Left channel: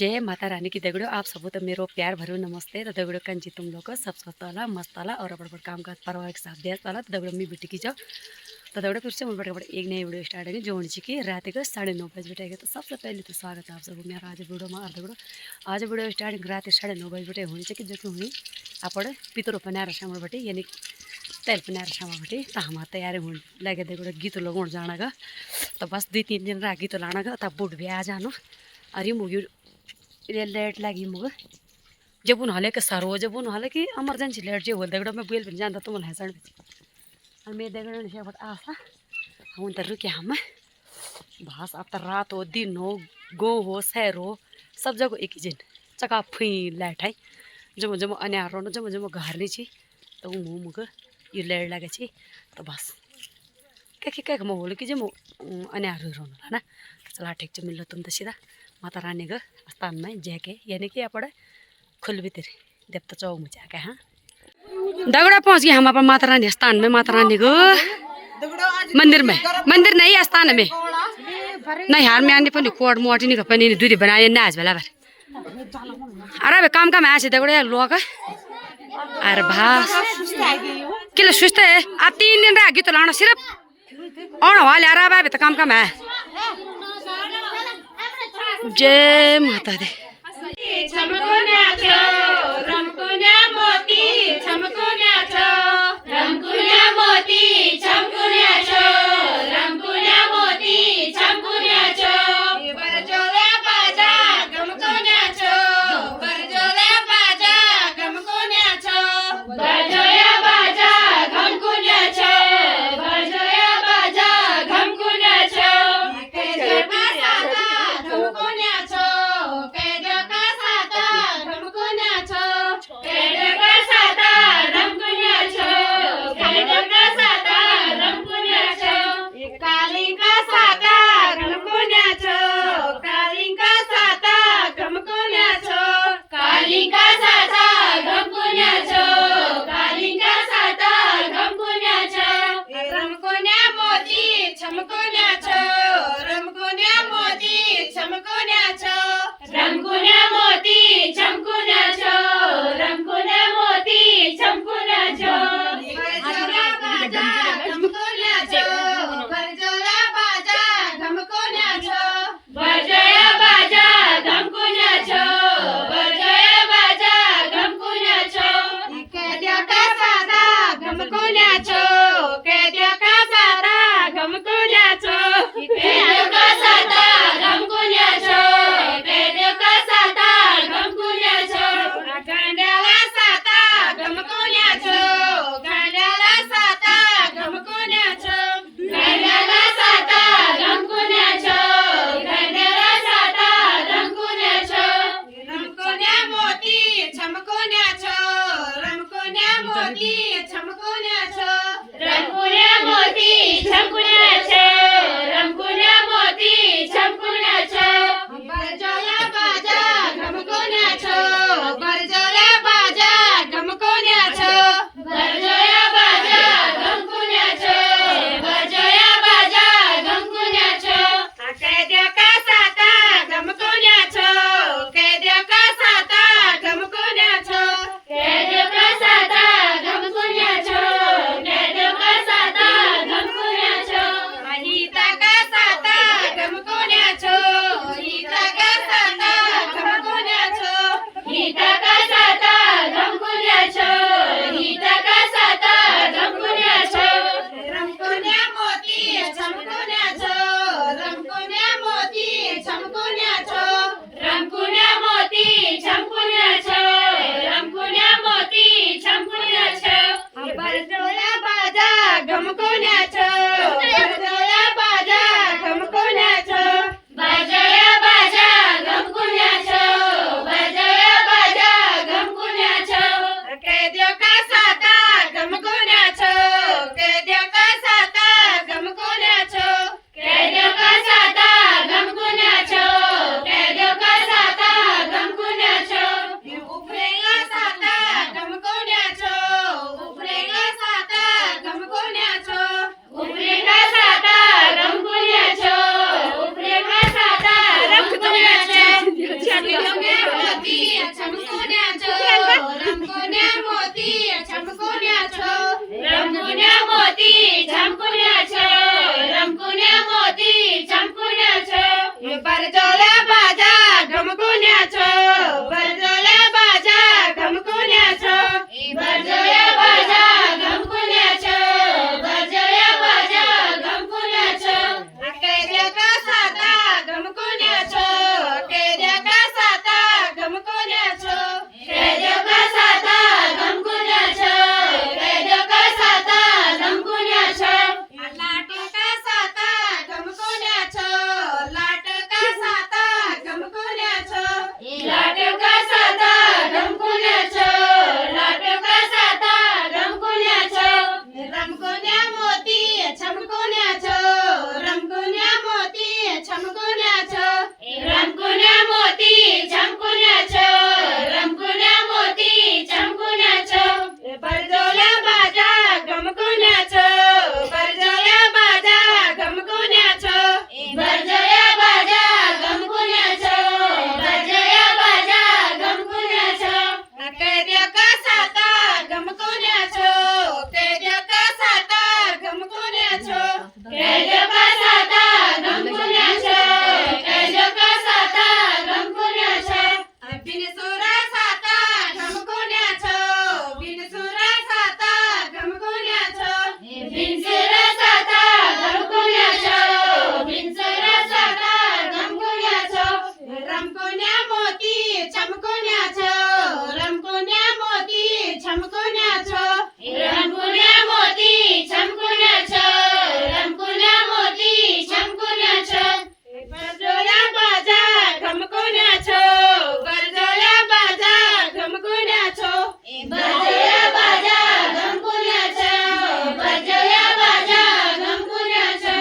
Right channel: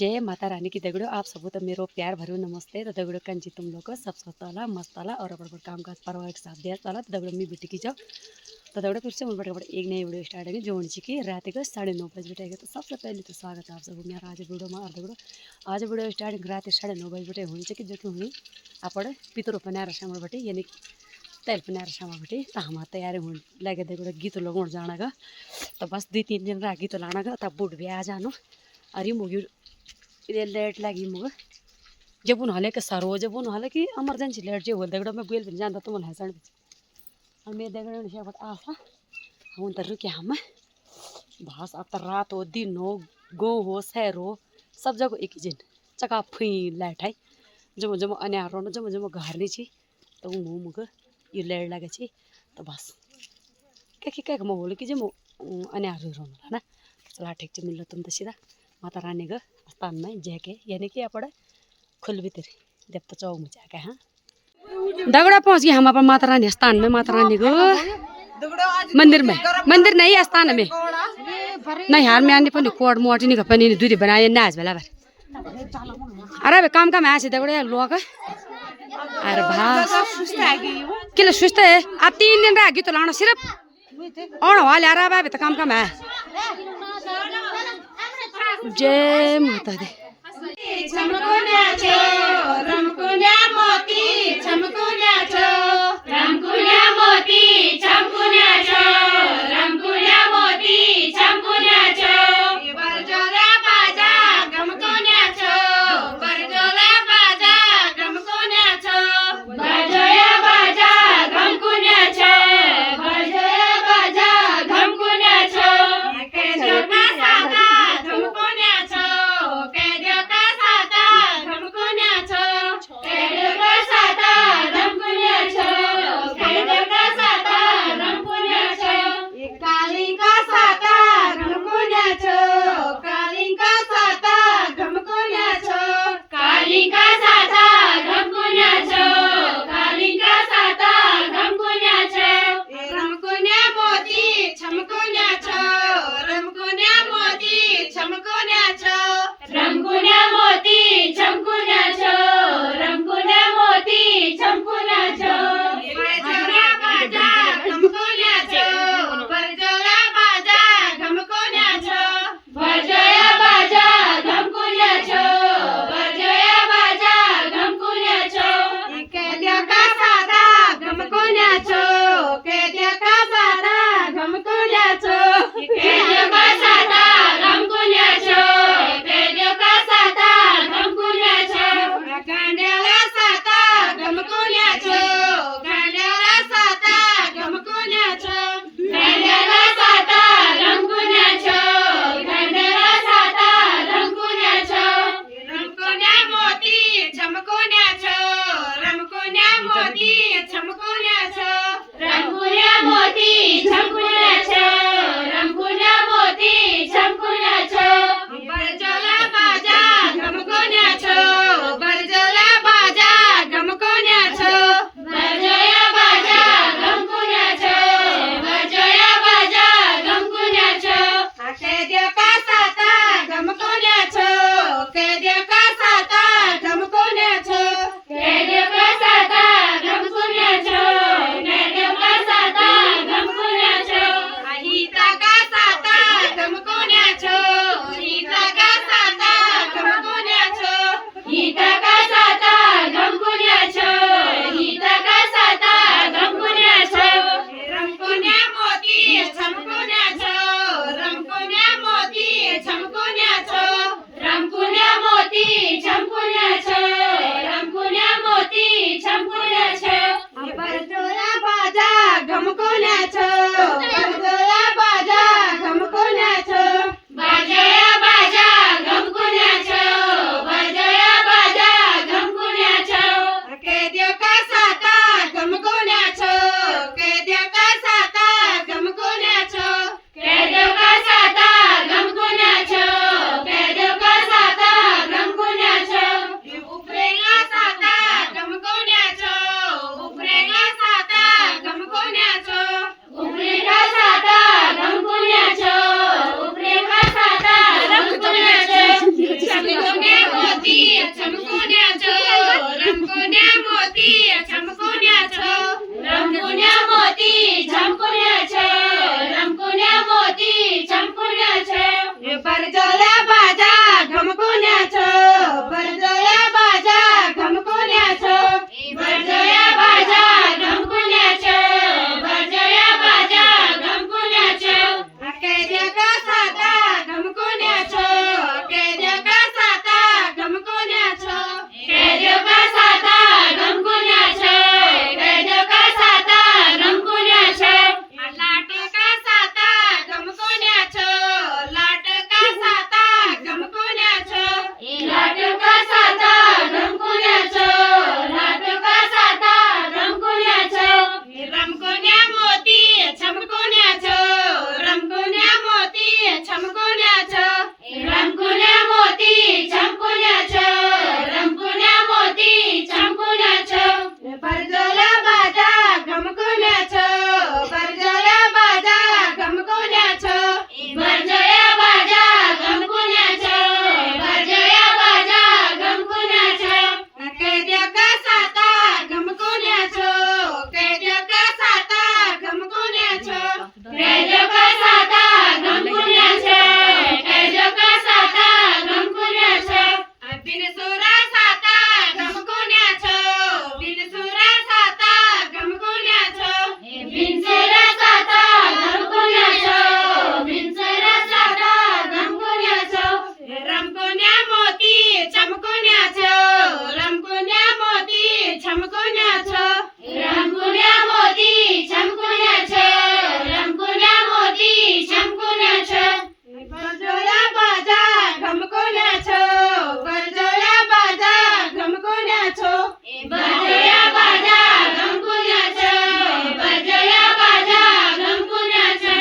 जय माता रानी की दगड़ो आप सबको तो मेरो प्यार भरो नमस्ते। तो दगड़ो कंची तुम लोग को सब वाला मस्त वाला और अपने काम का परिवार के साथ देश वाला। तो दगड़ो मी बेटी की जाओ तो दगड़ो फिर से मुझे बड़े एक नई वीडियो स्टार्ट है जो कि रात को 9:30 बजे बैठेगा। तो सबसे पहले तो स्वागत है आप सबको मेरा आज वीडियो में। और दगड़ो आज वीडियो स्टार्टिंग रात 9:30 बजे बैठे होनी चाहिए जो कि हुई आपण पितरो पनार शाम बटे यानी तेल पनार शाम बटे तो हम तैयारी हो लगे दगड़ो गीत लगाउन जाना गा। तो बस 2-3 दिन रहा गीत लाना गा तब बुढ़ भी आ जानो अरे मुगी लेट लगी मुग जब उन हले के सरो जब उन हले की इमरजेंसी लेट जो होल दगड़ो मैं बुल भी जानता तुम हसन और मैं दगड़ो ने बट आसा हम तो रुके हम बस अब तो रात हो दिन हो गो हो शहर हो सब जगह एक ही दिन चका फुई लाइट है जब जब अन्यार हो जब जब घर नहीं छी तो मुग ये लेट लगे छी तो बस क्या म होल कि जब अन्यार रोन है ना चला ठीक से मिलो तुम तो सीधा माता रानी का स्थान में जाके यानी कि आप खुल भीतर देवता चौक में जाके हाँ दगड़ा पहुँच गए हम अपन माता रानी स्थान में। माता रानी को मंदिर में मंदिर नहीं स्थान में नहीं हार में आने पनि कोड मोटी नहीं कपनी दूध बनाए नाच बेला भर अरे काम काम आए दगड़े लोग अरे भास किलो सुस्त है अब 3 दिन रह गई तो लाना सिर्फ और वाले आ रहा है तो काम काम है। जय माता दी Saata मोती झमकुण्याचं रंगुण्या मोती झमकुण्याचं रंगुण्या मोती झमकुण्याचं बरजोल्या बाजा घमकुण्याचं बरजोल्या बाजा घमकुण्याचं बरजोल्या बाजा घमकुण्याचं बरजोल्या बाजा घमकुण्याचं कैद्या का साता घमकुण्याचं कैद्या का साता घमकुण्याचं कैद्या का साता घमकुण्याचं कैद्या का साता घमकुण्याचं लाट का साता घमकुण्याचं लाट का साता घमकुण्याचं लाट का साता घमकुण्याचं लाट का साता घमकुण्याचं रमकुण्या मोती झमकुण्याचं रमकुण्या मोती झमकुण्याचं रमकुण्या मोती झमकुण्याचं रमकुण्या मोती झमकुण्याचं बरजोल्या बाजा घमकुण्याचं बरजोल्या बाजा घमकुण्याचं बरजोल्या बाजा घमकुण्याचं बरजोल्या बाजा घमकुण्याचं कैद्या का साता घमकुण्याचं कैद्या का साता घमकुण्याचं कैद्या का साता घमकुण्याचं कैद्या का साता घमकुण्याचं बिनसुरा साता घमकुण्याचं बिनसुरा साता घमकुण्याचं बिनसुरा साता घमकुण्याचं बिनसुरा साता घमकुण्याचं रमकुण्या मोती झमकुण्याचं रमकुण्या मोती झमकुण्याचं रमकुण्या मोती झमकुण्याचं रमकुण्या मोती झमकुण्याचं बरजोल्या बाजा घमकुण्याचं बरजोल्या बाजा घमकुण्याचं बरजोल्या बाजा घमकुण्याचं बरजोल्या बाजा घमकुण्याचं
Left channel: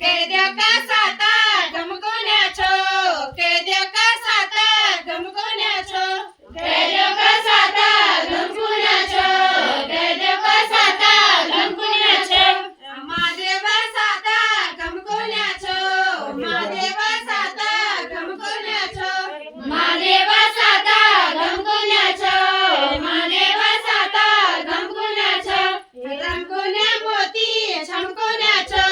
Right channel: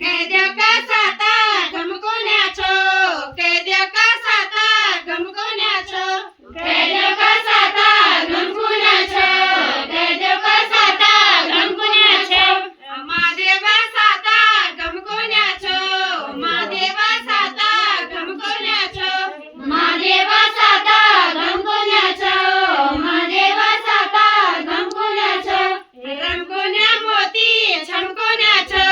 कैद्या का साता घमकुण्याचं कैद्या का साता घमकुण्याचं कैद्या का साता घमकुण्याचं कैद्या का साता घमकुण्याचं महादेवा साता घमकुण्याचं महादेवा साता घमकुण्याचं महादेवा साता घमकुण्याचं महादेवा साता घमकुण्याचं रमकुण्या मोती झमकुण्याचं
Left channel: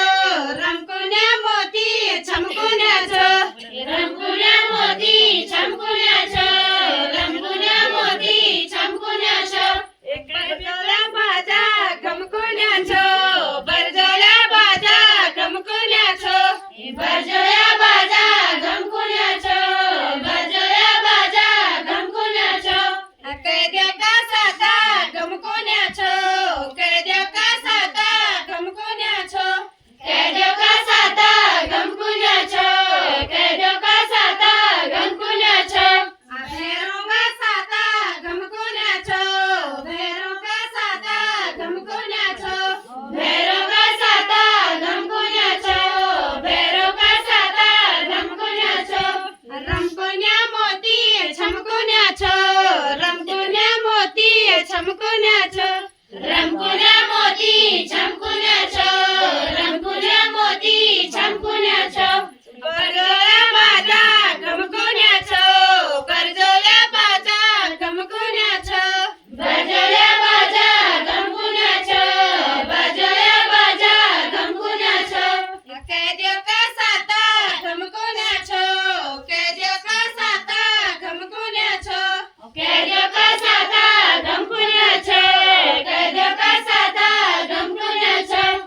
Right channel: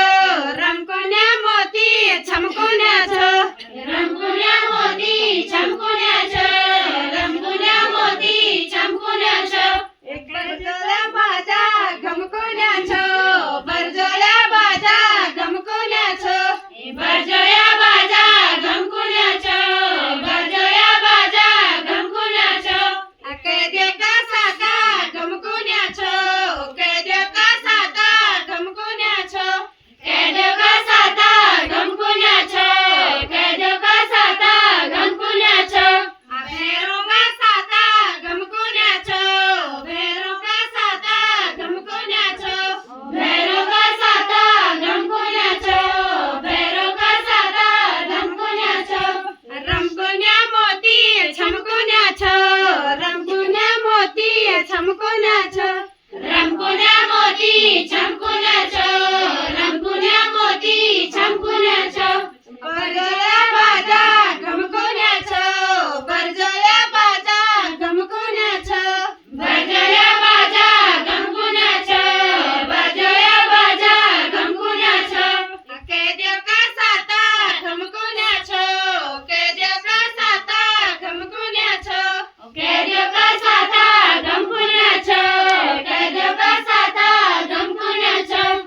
रमकुण्या मोती झमकुण्याचं रमकुण्या मोती झमकुण्याचं रमकुण्या मोती झमकुण्याचं बरजोल्या बाजा घमकुण्याचं बरजोल्या बाजा घमकुण्याचं बरजोल्या बाजा घमकुण्याचं बरजोल्या बाजा घमकुण्याचं कैद्या का साता घमकुण्याचं कैद्या का साता घमकुण्याचं कैद्या का साता घमकुण्याचं कैद्या का साता घमकुण्याचं भैरोगा साता घमकुण्याचं भैरोगा साता घमकुण्याचं भैरोगा साता घमकुण्याचं भैरोगा साता घमकुण्याचं रमकुण्या मोती झमकुण्याचं रमकुण्या मोती झमकुण्याचं रमकुण्या मोती झमकुण्याचं रमकुण्या मोती झमकुण्याचं बरजोल्या बाजा घमकुण्याचं बरजोल्या बाजा घमकुण्याचं बरजोल्या बाजा घमकुण्याचं बरजोल्या बाजा घमकुण्याचं कैद्या का साता घमकुण्याचं कैद्या का साता घमकुण्याचं कैद्या का साता घमकुण्याचं कैद्या का साता घमकुण्याचं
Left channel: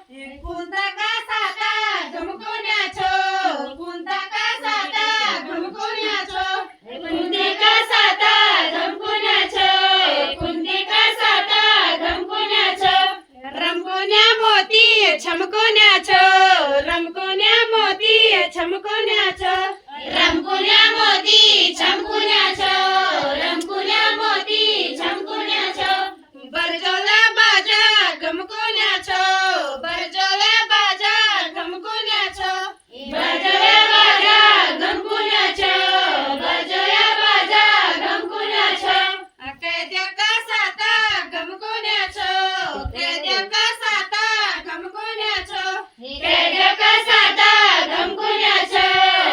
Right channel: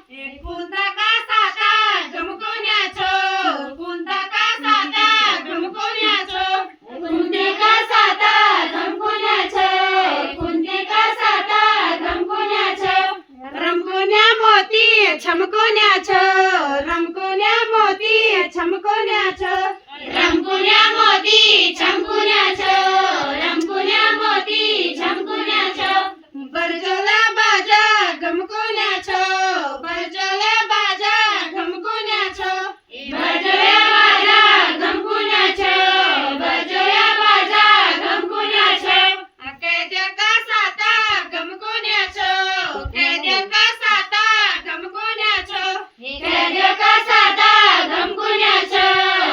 कुंता का साता घमकुण्याचं कुंता का साता घमकुण्याचं कुंते का साता घमकुण्याचं कुंते का साता घमकुण्याचं रमकुण्या मोती झमकुण्याचं रमकुण्या मोती झमकुण्याचं रमकुण्या मोती झमकुण्याचं रमकुण्या मोती झमकुण्याचं बरजोल्या बाजा घमकुण्याचं बरजोल्या बाजा घमकुण्याचं बरजोल्या बाजा घमकुण्याचं बरजोल्या बाजा घमकुण्याचं कैद्या का साता घमकुण्याचं कैद्या का साता घमकुण्याचं कैद्या का साता घमकुण्याचं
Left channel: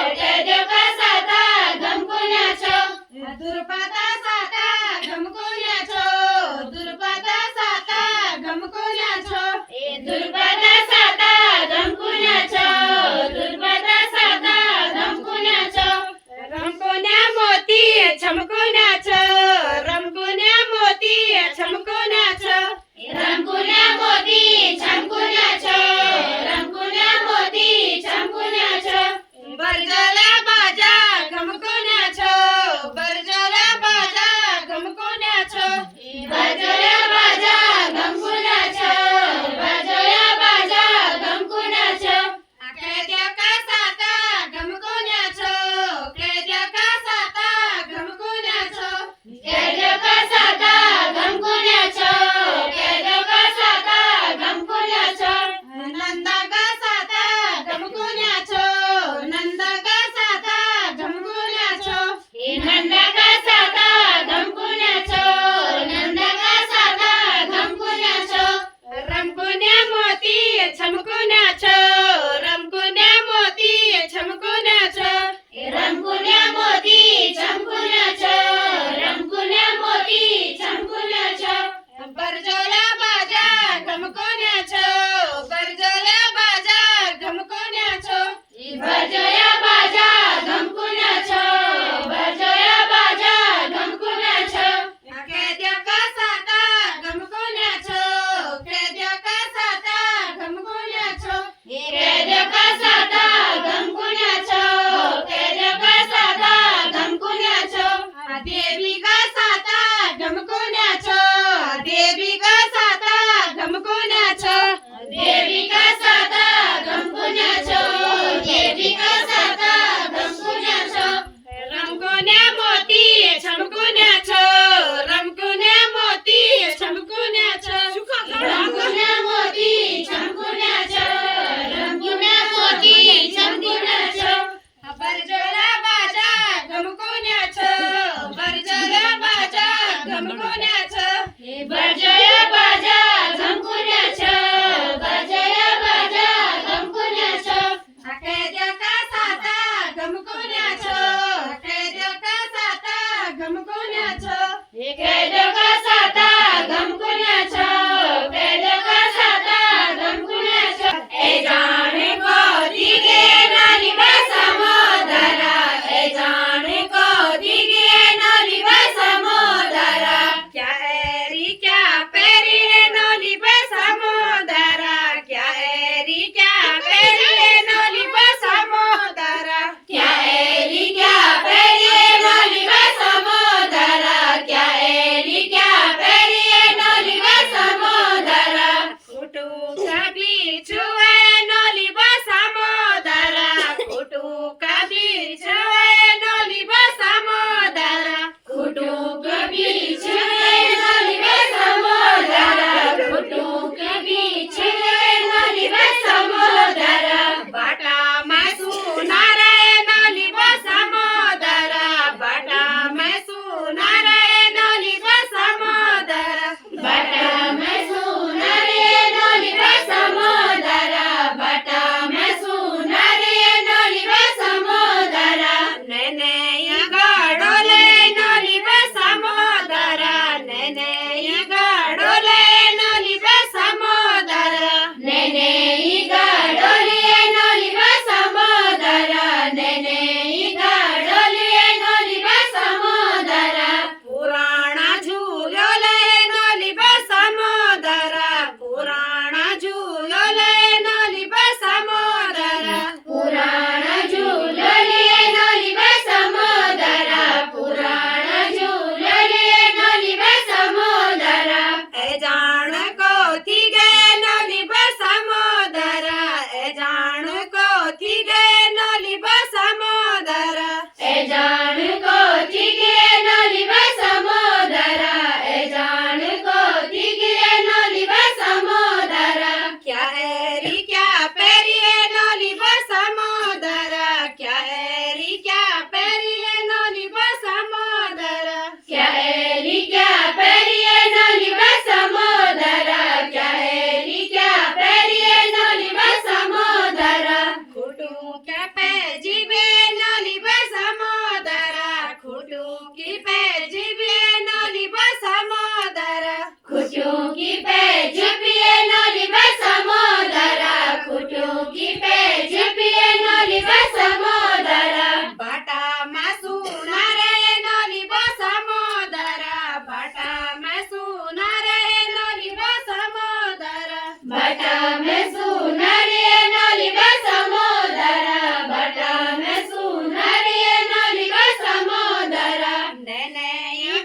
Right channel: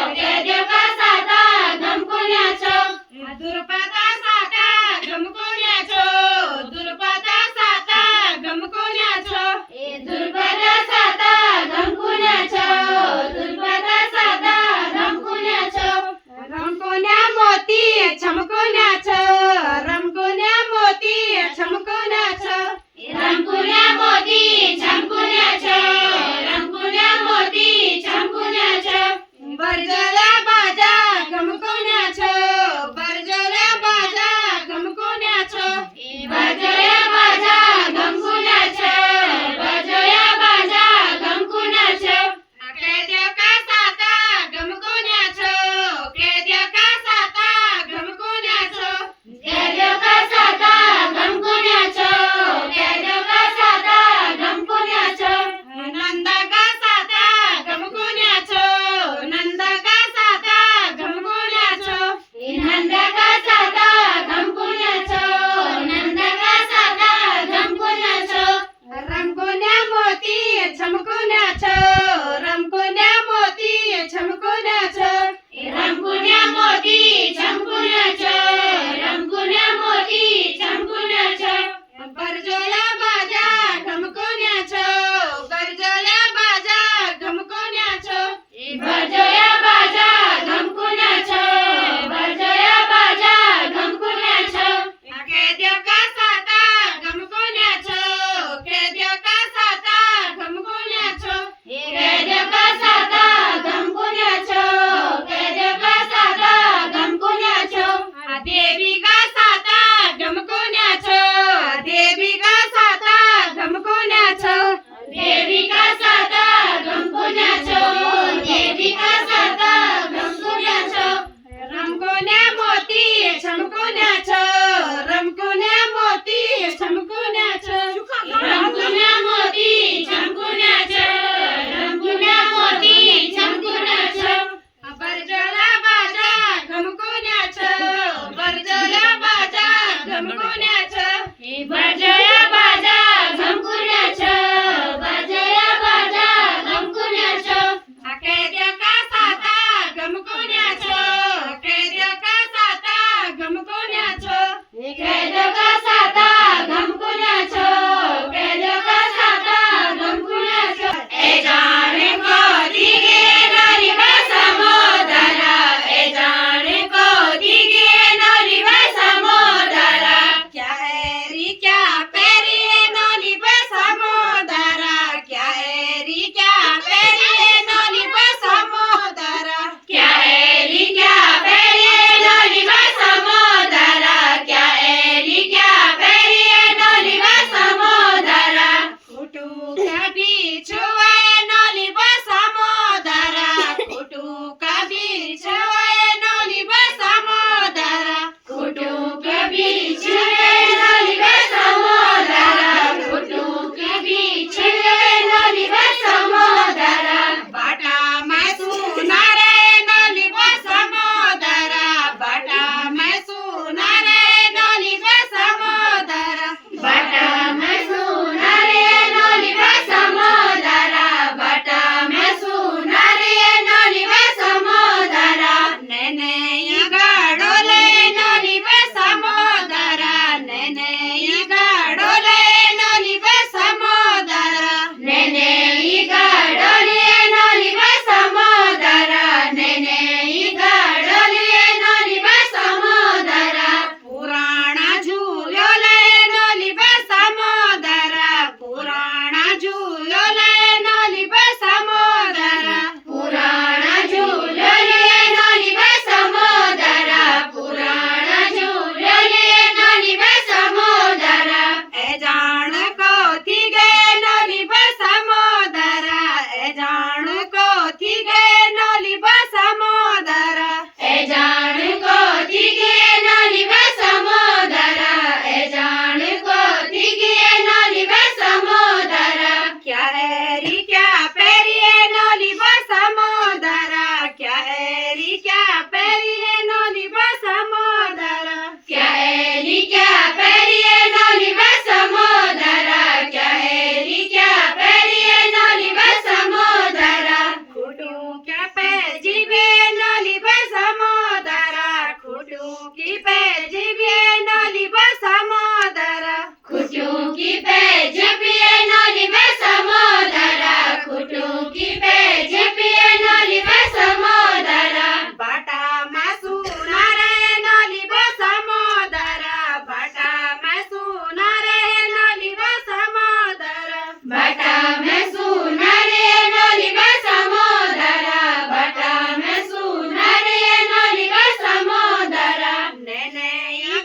की पे झिपिए नली बे समोदरा खुटू की पे झिपिए नली बे समोदरा बाटा मासू नारे नली बे समोदरा बाटा मासू नारे नली बे समोदरा बाटा मासू नारे नली बे समोदरा बाटा मासू नारे नली बे समोदरा नेने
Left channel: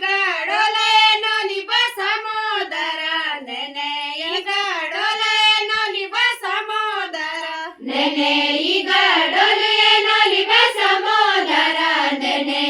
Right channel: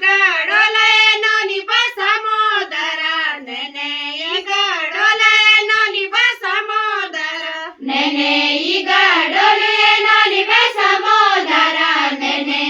गडोले नली बे समोदरा नेने गडोले नली बे समोदरा नेने गडोले नली बे समोदरा नेने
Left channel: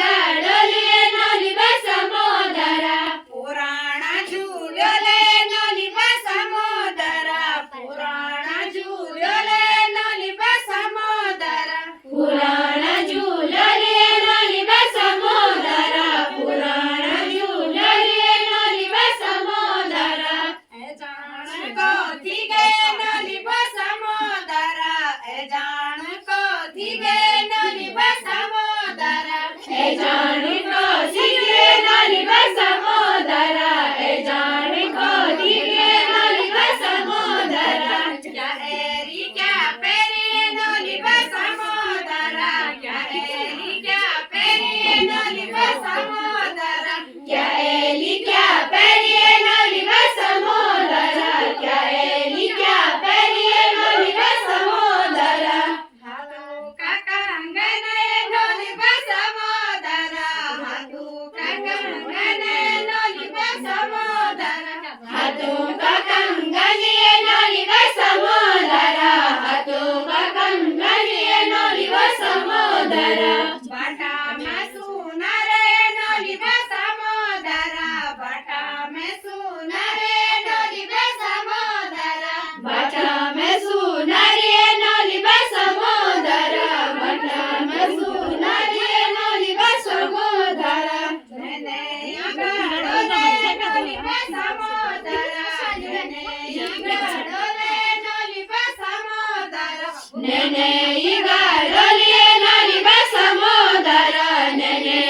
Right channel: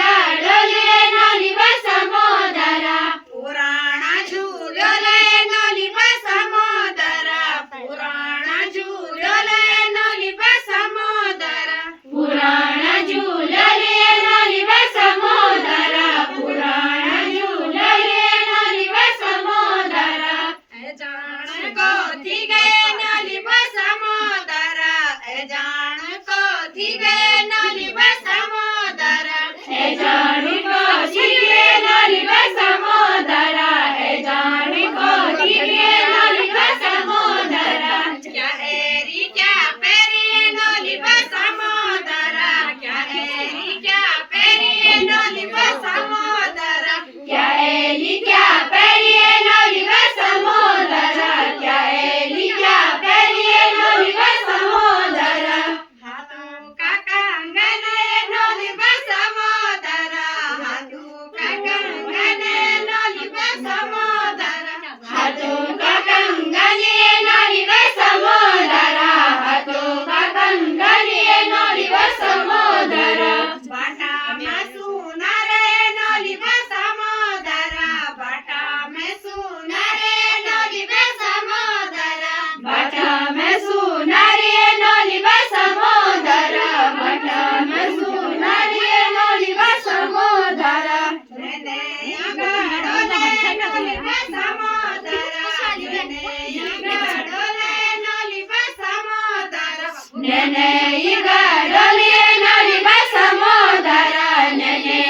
गडोले नली बे समोदरा पुराणा झूलोले नली बे समोदरा पुराणा झूलोले नली बे समोदरा पुराणा झूलोले नली बे समोदरा पुराणा झूलोले नली बे समोदरा ए जान को थी गए नली बे समोदरा ए जान को थी गए नली बे समोदरा ए जान को थी गए नली बे समोदरा ए जान को थी गए नली बे समोदरा क्या एरी क्या पेरी नली बे समोदरा क्या एरी क्या पेरी नली बे समोदरा क्या एली क्या पेरी नली बे समोदरा क्या एली क्या पेरी नली बे समोदरा हाथू का कंगन नली बे समोदरा हाथू का कंगन नली बे समोदरा हाथू का कंगन नली बे समोदरा हाथू का कंगन नली बे समोदरा बाटा में सुनारे नली बे समोदरा बाटा में सुनारे नली बे समोदरा बाटा में सुनारे नली बे समोदरा बाटा में सुनारे नली बे समोदरा नेने गडोले नली बे समोदरा नेने गडोले नली बे समोदरा नेने गडोले नली बे समोदरा नेने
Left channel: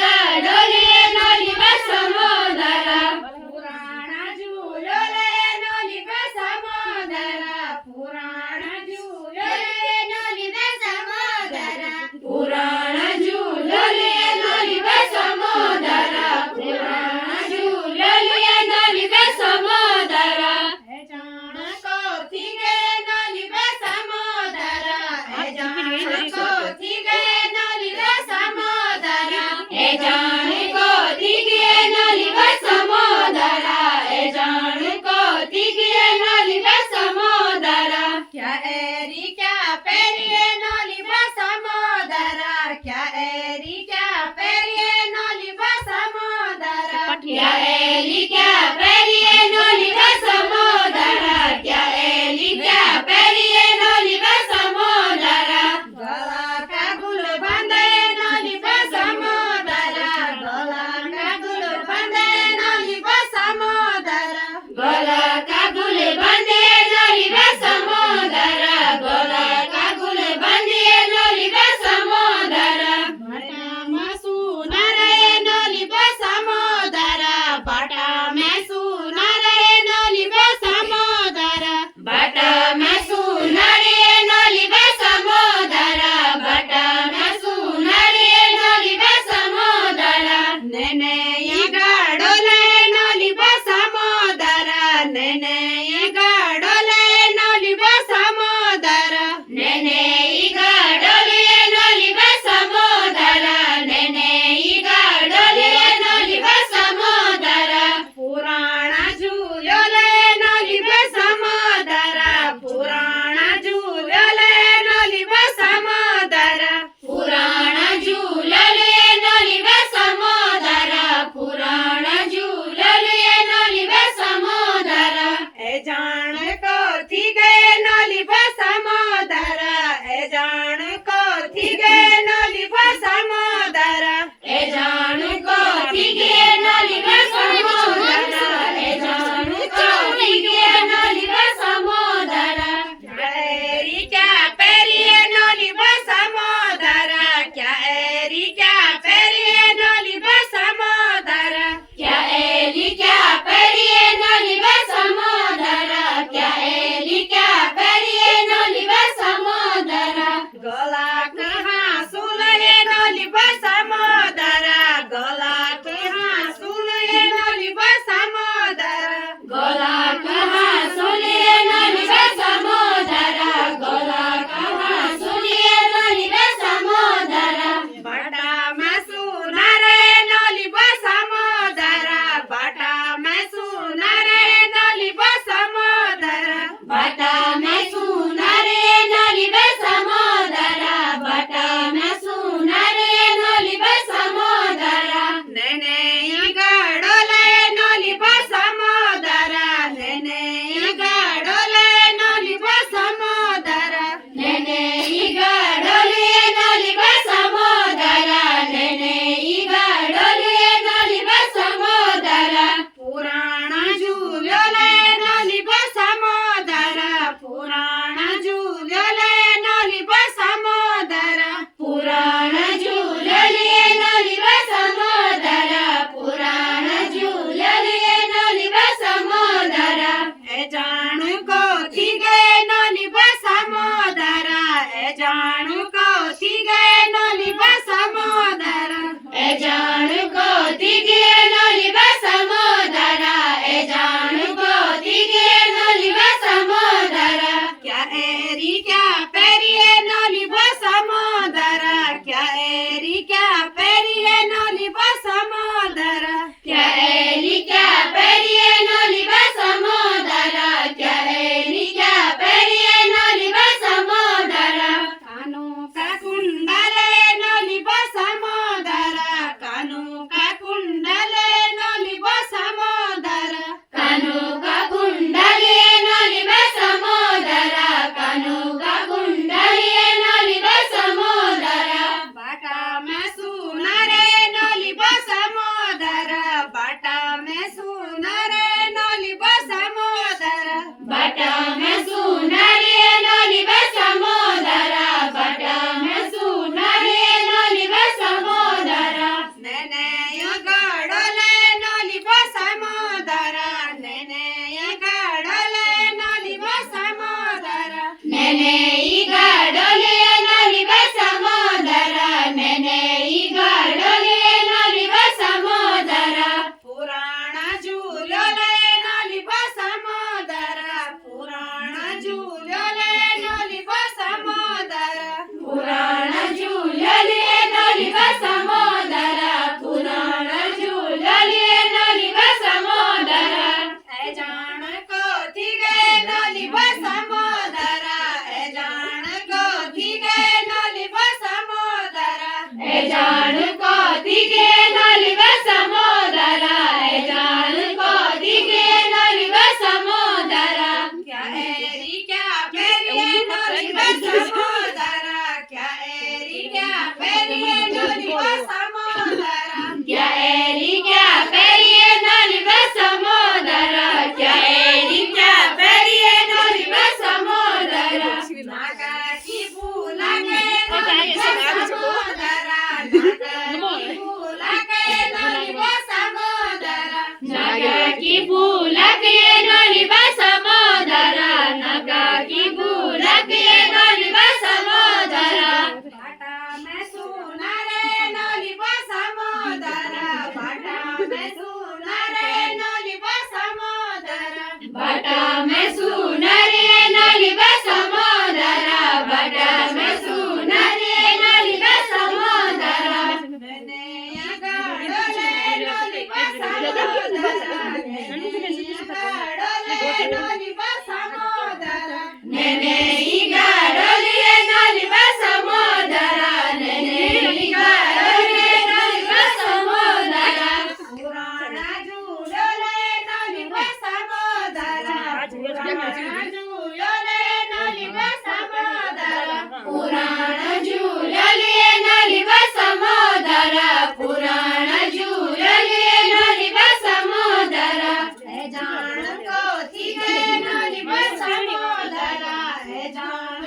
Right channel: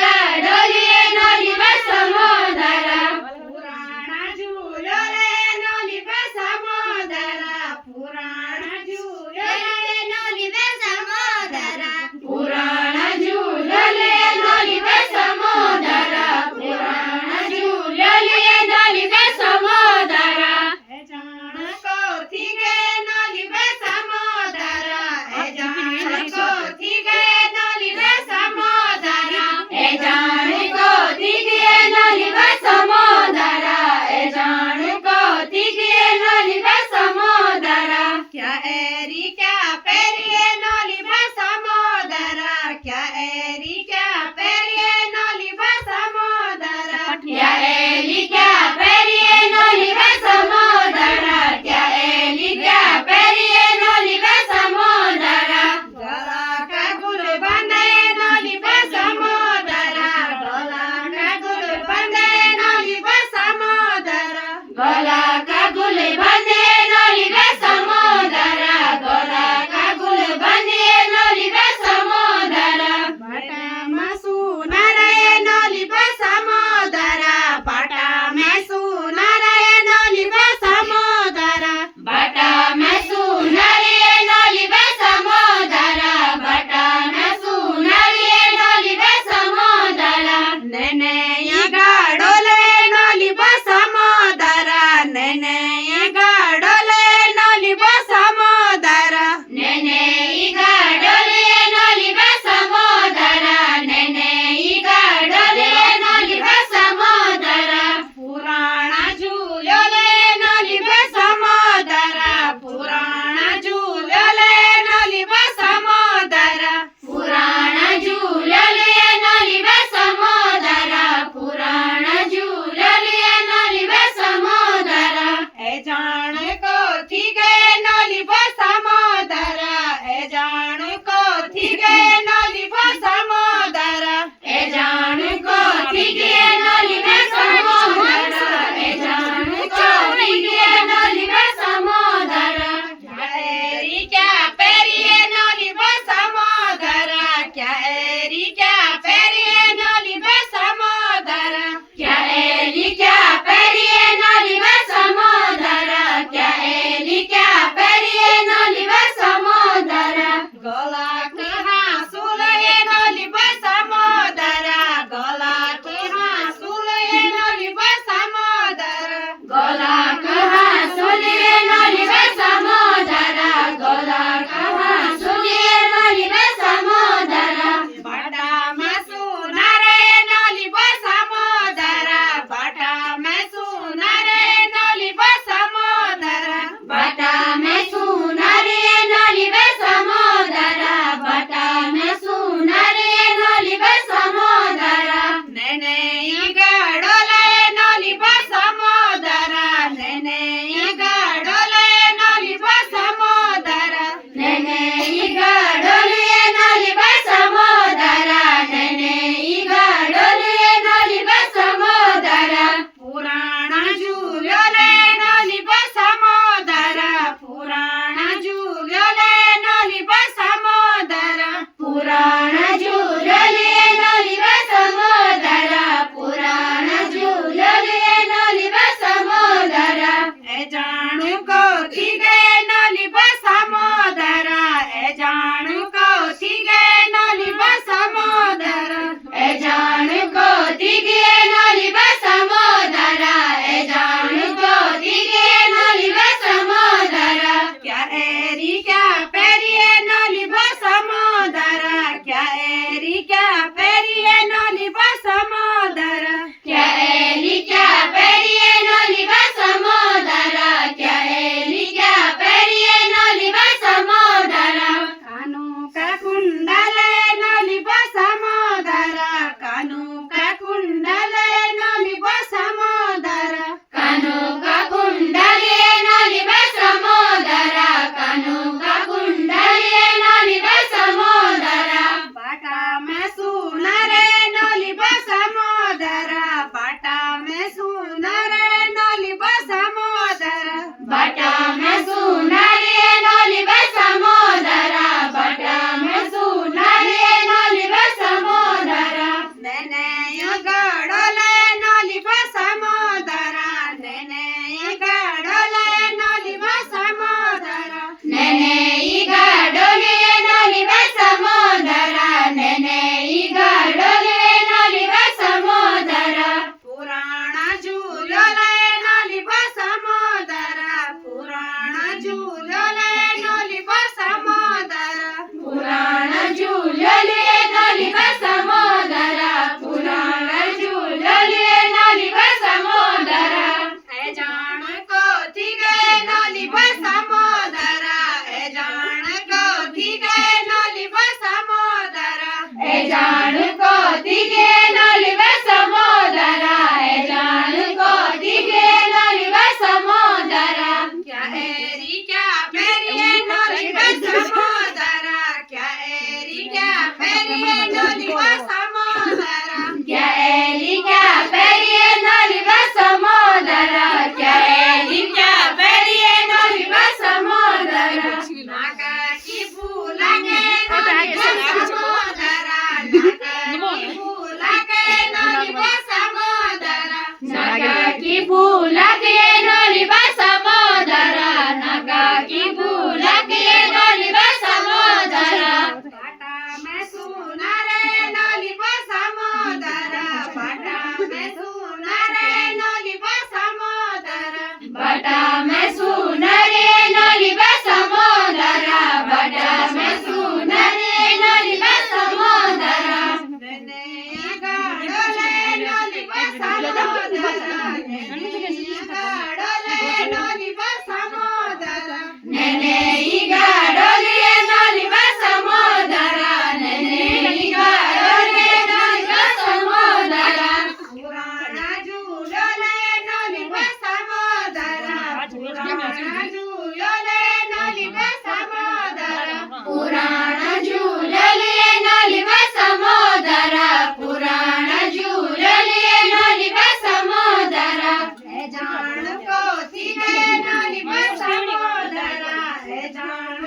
गडोले नली बे समोदरा पुराणा झूलोले नली बे समोदरा पुराणा झूलोले नली बे समोदरा पुराणा झूलोले नली बे समोदरा पुराणा झूलोले नली बे समोदरा ए जान को थी गए नली बे समोदरा ए जान को थी गए नली बे समोदरा ए जान को थी गए नली बे समोदरा ए जान को थी गए नली बे समोदरा क्या एरी क्या पेरी नली बे समोदरा क्या एरी क्या पेरी नली बे समोदरा क्या एली क्या पेरी नली बे समोदरा क्या एली क्या पेरी नली बे समोदरा गला का गुल बंदे नली बे समोदरा गला का गुल बंदे नली बे समोदरा गला का गुल बंदे नली बे समोदरा गला का गुल बंदे नली बे समोदरा बाटा में सुनारे नली बे समोदरा बाटा में सुनारे नली बे समोदरा बाटा में सुनारे नली बे समोदरा बाटा में सुनारे नली बे समोदरा नेने गडोले नली बे समोदरा नेने जान को दिगे नलिव समोदरा ए जान को दिगे नलिव समोदरा क्या एरी क्या पेरिए नलिव समोदरा क्या एरी क्या पेरिए नलिव समोदरा क्या एरी क्या पेरिए नलिव समोदरा क्या एरी क्या पेरिए नलिव समोदरा नागा की फूला के नलिव समोदरा नागा की फूला के नलिव समोदरा नागा की फूला के नलिव समोदरा बाटा में सुना रे नलिव समोदरा बाटा में सुना रे नलिव समोदरा बाटा में सुना रे नलिव समोदरा बाटा में सुना रे नलिव समोदरा मैंने गाडोले नलिव समोदरा मैंने गाडोले नलिव समोदरा मैंने गाडोले नलिव समोदरा पुराना झूलोले नलिव समोदरा पुराना झूलोले नलिव समोदरा पुराना झूलोले नलिव समोदरा पुराना झूलोले नलिव समोदरा ए जान को दिगे नलिव समोदरा ए जान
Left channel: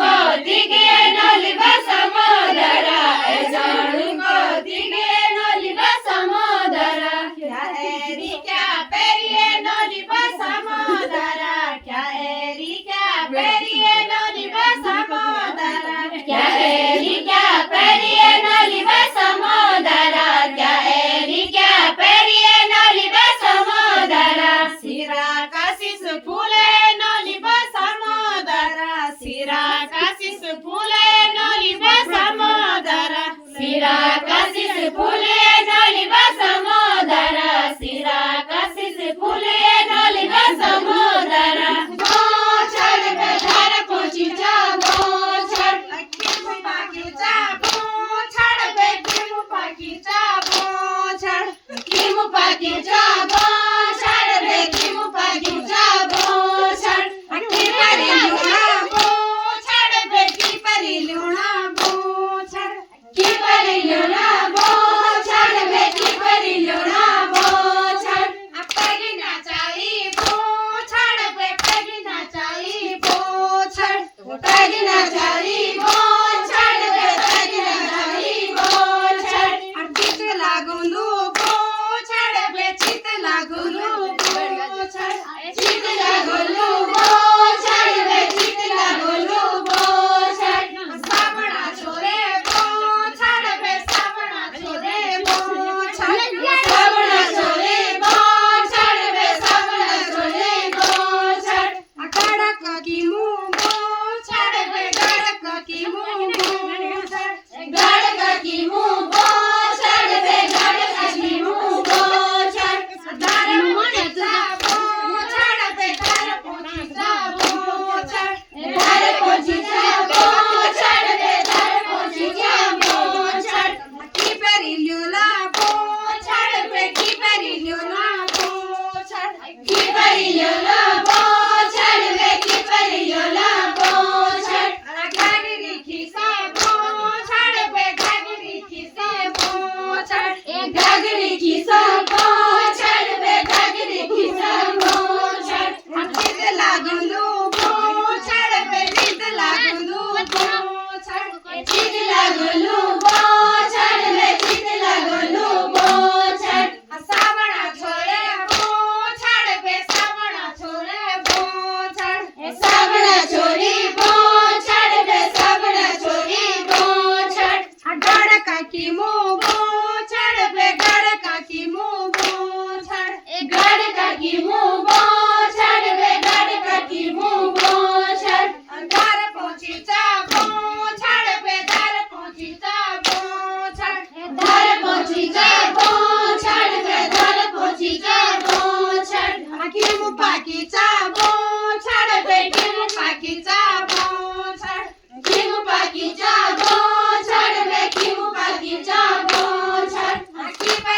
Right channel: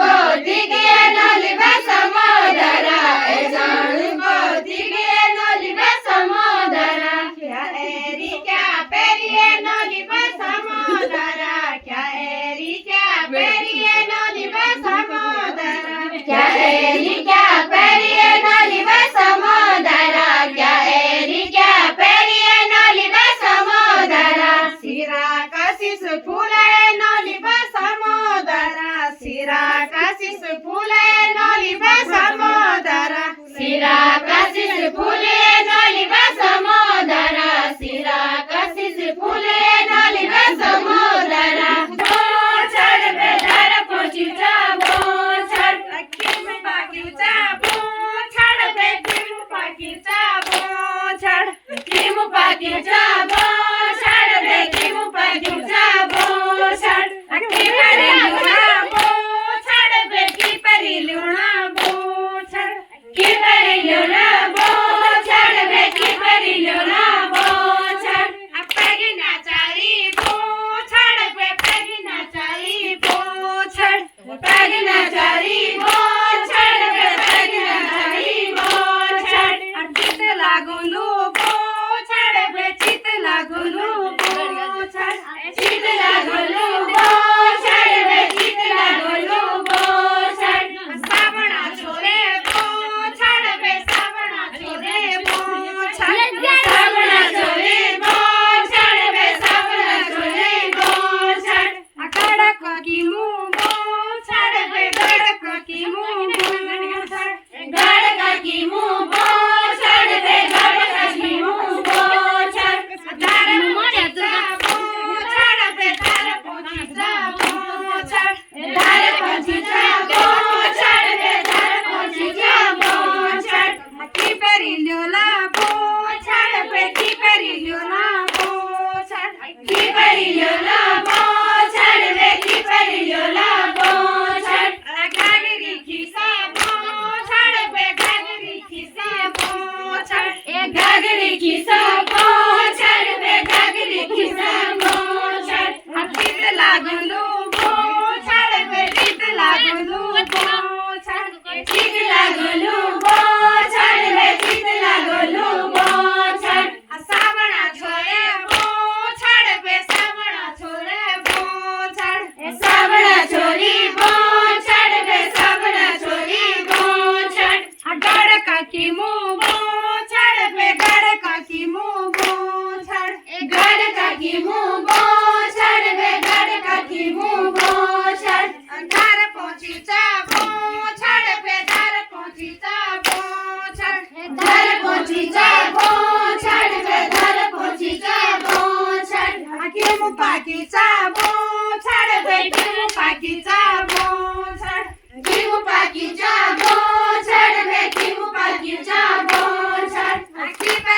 को दिगे नलिव समोदरा ए जान को दिगे नलिव समोदरा ए जान को दिगे नलिव समोदरा क्या एरी क्या पेरिए नलिव समोदरा क्या एरी क्या पेरिए नलिव समोदरा क्या एरी क्या पेरिए नलिव समोदरा क्या एरी क्या पेरिए नलिव समोदरा सिरा कशिश फूले नलिव समोदरा सिरा कशिश फूले नलिव समोदरा सिरा कशिश फूले नलिव समोदरा सिरा कशिश फूले नलिव समोदरा बोछड़ बेधर पहुंचा बोछड़ किम पाकिचा बोछड़ बे किम पाकिचा बोछड़ किम पाकिचा बोछड़ बे किम पाकिचा बोछड़ की परी लुणा बोछड़ बे की परी लुणा बोछड़ की परी लुणा बोछड़ बे की परी लुणा बोछड़ पेगिना चाई बोछड़ बे पेगिना चाई बोछड़ पेगिना चाई बोछड़ बे पेगिना चाई बोछड़ चित लागुलू बोछड़ बे चित लागुलू बोछड़ चित लागुलू बोछड़ बे चित लागुलू बोछड़ सावणा छोरे बोछड़ बे सावणा छोरे बोछड़ सावणा छोरे बोछड़ बे सावणा छोरे बोछड़ गड़क की मुंह बोछड़ बे गड़क की मुंह बोछड़ गड़क की मुंह बोछड़ बे गड़क की मुंह बोछड़ दार पहुंचा बोछड़ बे दार पहुंचा बोछड़ दार पहुंचा बोछड़ बे दार पहुंचा बोछड़ की परी ल्योला बोछड़ बे की परी ल्योला बोछड़ की परी ल्योला बोछड़ बे की परी ल्योला बोछड़ घाघरी खिसा बोछड़ बे घाघरी खिसा बोछड़ ए घाघरी खिसा बोछड़ बे घाघरी खिसा बोछड़ चित लागुलू बोछड़ बे चित लागुलू बोछड़ चित लागुलू बोछड़ बे चित लागुलू बोछड़ सावणा छोरे बोछड़ बे सावणा छोरे बोछड़ सावणा छोरी बोछड़ बे सावणा छोरी बोछड़ गड़का की मुंह बोछड़ बे गड़का की मुंह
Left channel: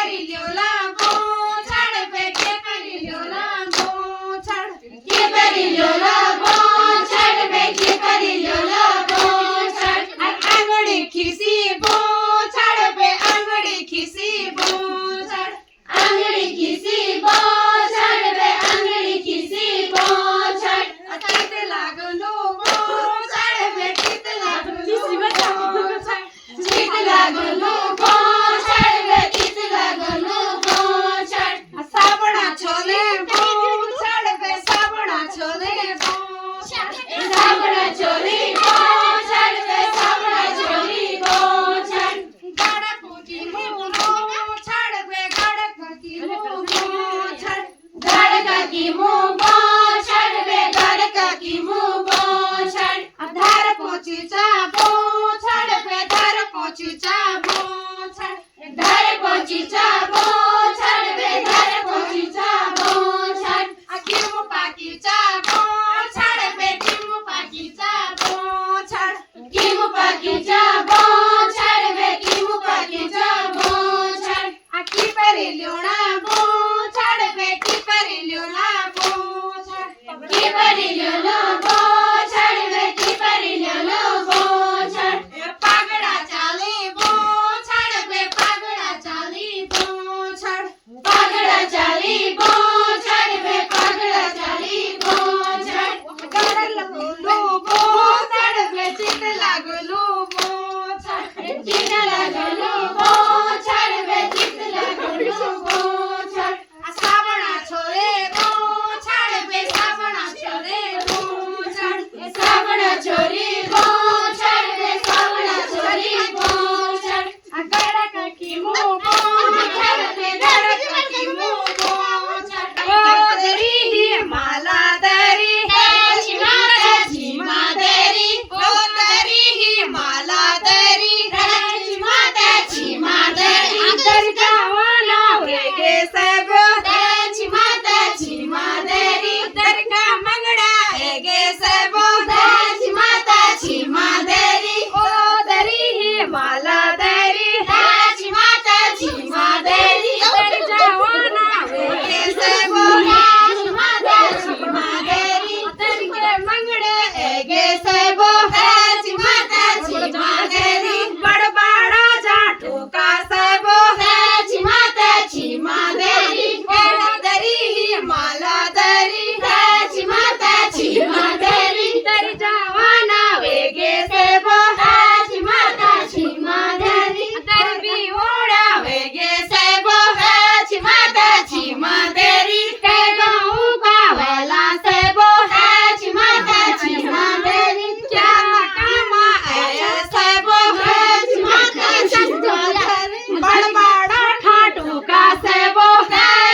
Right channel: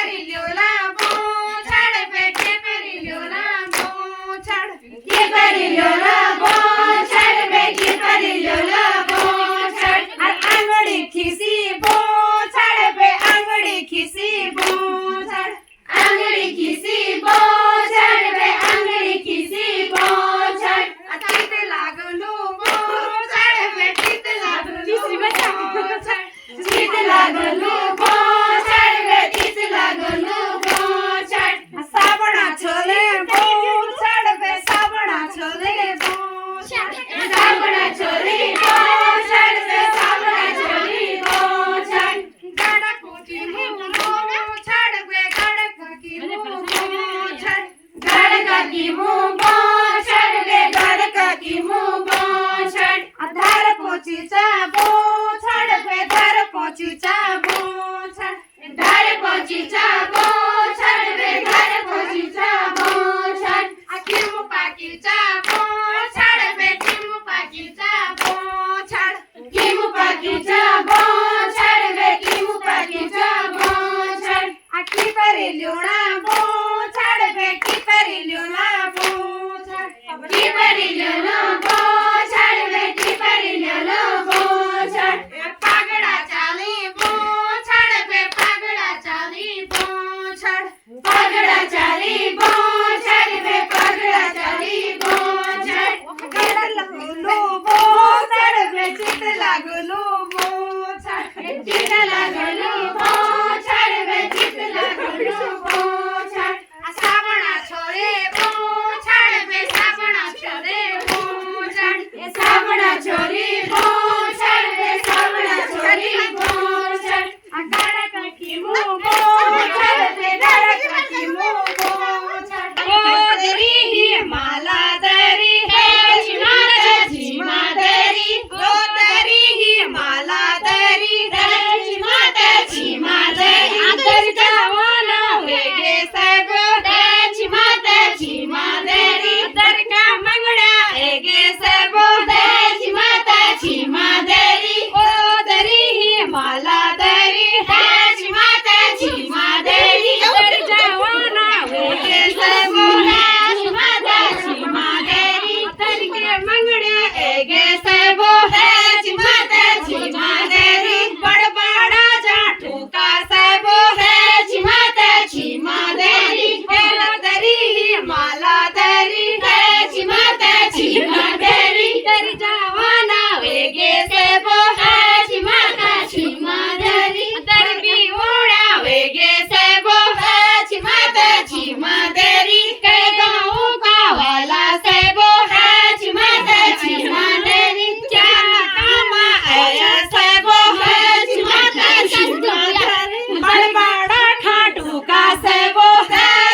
परी ल्योला बो छड़ पे के परी ल्योला बो छड़ के परी ल्योला बो छड़ पे के परी ल्योला बो छड़ आंगड़ी खिसी बो छड़ पे आंगड़ी खिसी बो छड़ आंगड़ी खिसी बो छड़ पे आंगड़ी खिसी बो छड़ तीत लागलो बो छड़ पे तीत लागलो छड़ तीत लागलो बो छड़ पे तीत लागलो बो छड़ साबणा छोले बो छड़ पे साबणा छोले बो साबणा छोले बो छड़ पे साबणा छोले बो छड़ गड़क की मुंह बो छड़ पे गड़क की मुंह छड़ गड़क की मुंह बो छड़ पे गड़क की मुंह बो छड़ धार पोची चाबो छड़ पे धार पोची चाबो छड़ धार पोची चाबो छड़ पे धार पोची चाबो छड़ किमु पाकी चाबो छड़ पे किमु पाकी चाबो छड़ किमु पाकी चाबो छड़ पे किमु पाकी चाबो छड़ की परी ल्योणा बो छड़ पे की परी ल्योणा बो छड़ की परी ल्योणा बो छड़ पे की परी ल्योणा बो छड़ पागड़ा चाली बो छड़ पे पागड़ा चाली बो छड़ पागड़ा चाली बो छड़ पे पागड़ा चाली बो छड़ गड़ लगलो बो छड़ पे चित लागलो बो छड़ चित लागलो बो छड़ पे चित लागलो बो छड़ साबणा छोरे बो छड़ पे साबणा छोरे बो छड़ साबणा छोरी बो छड़ पे साबणा छोरी बो छड़ गड़क की मुंह बो छड़ पे गड़क की मुंह बो छड़ ओ दरी ही माला दरी है छिमा दरी ओ दरी ही माला दरी है छिमा दरी दर जावना वेगे सब छिमा दरी दर का मंगड़ा हेगे सब छिमा दरी ओ दरी ही माला दरी है छिमा दरी दर जावना वेगे सब छिमा दरी दर के मंगड़े हेगे सब छिमा दरी बड़बड़ा जाटू का सब छिमा दरी दरी ही माला दरी है छिमा दरी दर जावाना वेगे सेब छिमा दरी दर भी ओड़ा वेगे सेब छिमा दरी के गाँव का वाला सेब छिमा दरी क्या कामा आया सेब छिमा दरी बड़बड़ा ठाटू का सेब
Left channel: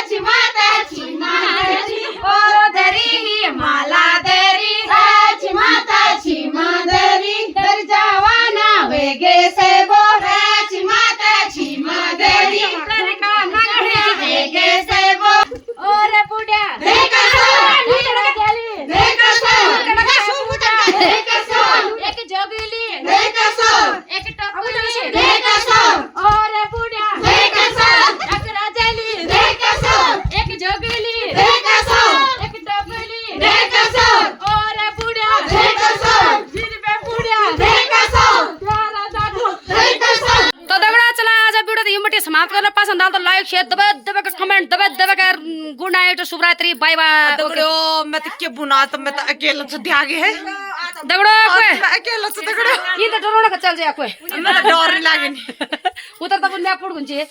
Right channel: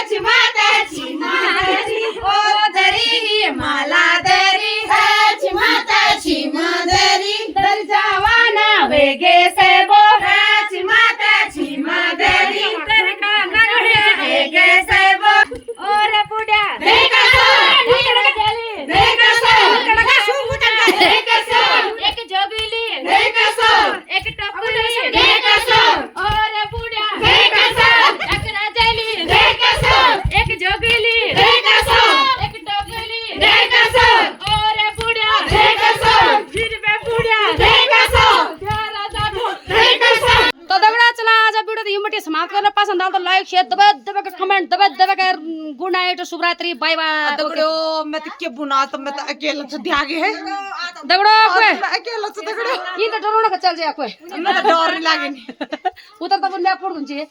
छिमा दरी ओ दरी ही माला दरी छिमा दरी दर जावाना वेगे सेबो छिमा दरी दर का नगड़े वेगे सेबो और बुढ़ा देखा एक जोगली एक टपली और बुढ़ा एक राजली एक जोगली एक टपली और बुढ़ा फिर पे बुढ़ा प्यारा दादू तो दगड़ा चला आज वीडियो यहीं पे समाप्त करना पसंद आया तो लाइक शेयर दबा के कमेंट दबा के गुड नाइट शुभ रात्रि बाय बाय दगड़ो मैं तो क्या बुना तो मैं तो अकेला तो ध्यागे है दगड़ो मैं अकेला तो दगड़ो ये तो डरोना का चल जाए कोई मैं तो डर नहीं लागे उतर तो बुन्या पड़ गुंजे